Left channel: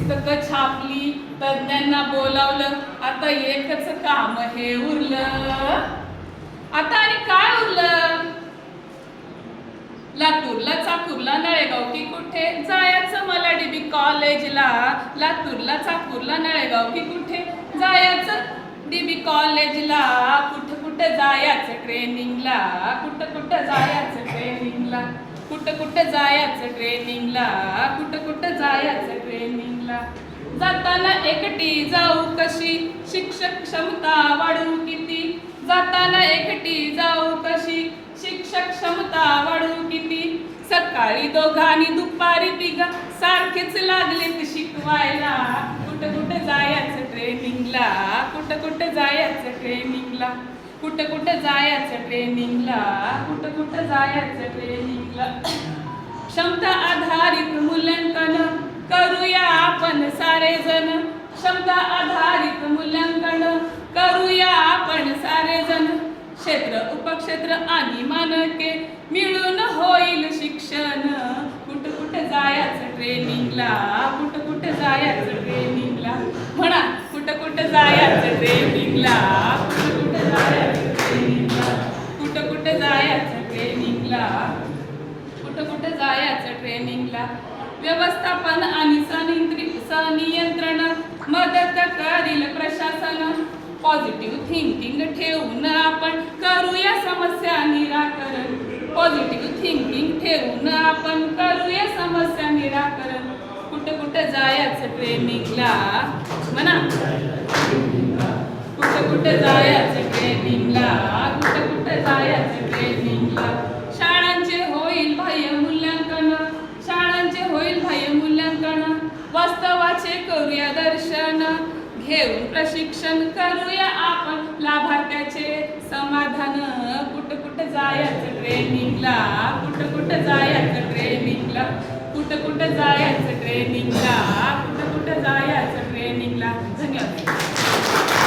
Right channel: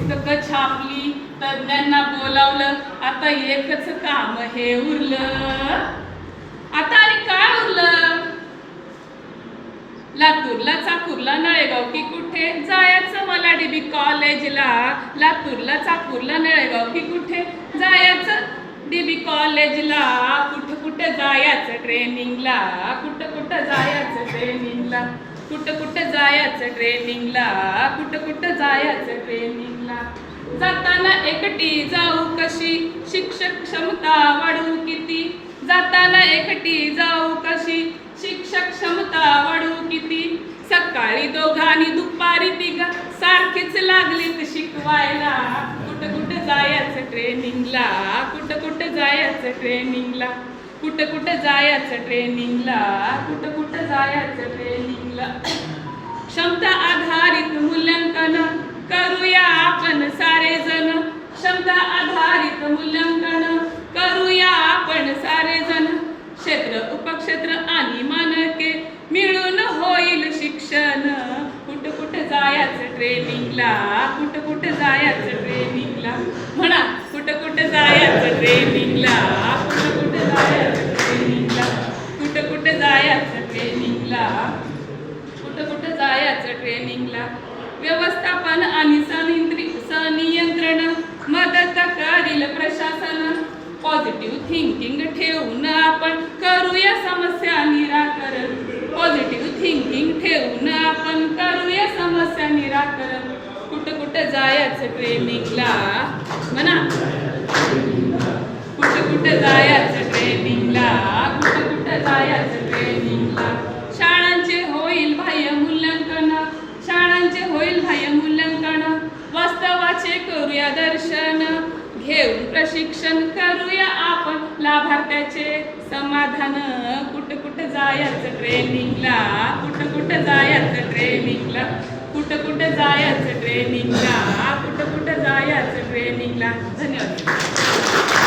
पुस्तकं छापली, तज्ञांना बोलावलं, आता एकच काम हे उरलं. आता आणि काय उरलं? लातूरला, चाकूरला, नळेगाव की कुठे जायचं मला डीबी कॉलेजला. लातूरला, चाकूरला, नळेगाव की कुठे जायचं डीबी कॉलेजला. कुठं कुठं जायचं ट्रेनिंगला, कुठं कुठं जायचं ट्रेनिंगला, कुठं कुठं जायचं ट्रेनिंगला, कुठं कुठं जायचं ट्रेनिंगला. जाताना एकटी जाऊ कशी, शिक्षक क्षमता वाढवू किती. जाताना एकटी जाऊ कशी, शिक्षक क्षमता वाढवू किती. सकाळी दोघांनी दुपारी तिघा सारखीच लागलीत शिकवायला. कुठं कुठं जायचं ट्रेनिंगला, कुठं कुठं जायचं ट्रेनिंगला, कुठं कुठं जायचं ट्रेनिंगला, कुठं कुठं जायचं ट्रेनिंगला. क्षमता आधारित मूल्यांकन करूया आपण सारेजण. क्षमता आधारित मूल्यांकन करूया आपण सारेजण. क्षेत्र, उपक्षेत्र आणि मानके मिळून होईल शिक्षण. कुठं कुठं जायचं ट्रेनिंगला, कुठं कुठं जायचं ट्रेनिंगला. म्हणा, कुठं कुठं जायचं ट्रेनिंगला, कुठं कुठं जायचं ट्रेनिंगला, कुठं कुठं जायचं ट्रेनिंगला, कुठं कुठं जायचं ट्रेनिंगला. व्यवस्थापन आणि संनियंत्रण मदत करील प्रशासन. पॉझिटिव्ह थिंकिंग ठेवून आपण करूया समस्या निराकरण. पॉझिटिव्ह थिंकिंग ठेवून आपण करूया समस्या निराकरण. कुठं कुठं जायचं ट्रेनिंगला. म्हणा, कुठं कुठं जायचं ट्रेनिंगला, कुठं कुठं जायचं ट्रेनिंगला. शाळांचे होईल बाह्य मूल्यांकन, शाळांचे होईल बाह्य मूल्यांकन. वास्तवाचे करूया दर्शन, घेऊन प्रशिक्षण करूया आपण लाभार्थ्याचे समाधान. कुठं कुठं जायचं ट्रेनिंगला, कुठं कुठं जायचं ट्रेनिंगला, कुठं कुठं जायचं ट्रेनिंगला, कुठं कुठं जायचं ट्रेनिंगला. धन्यवाद.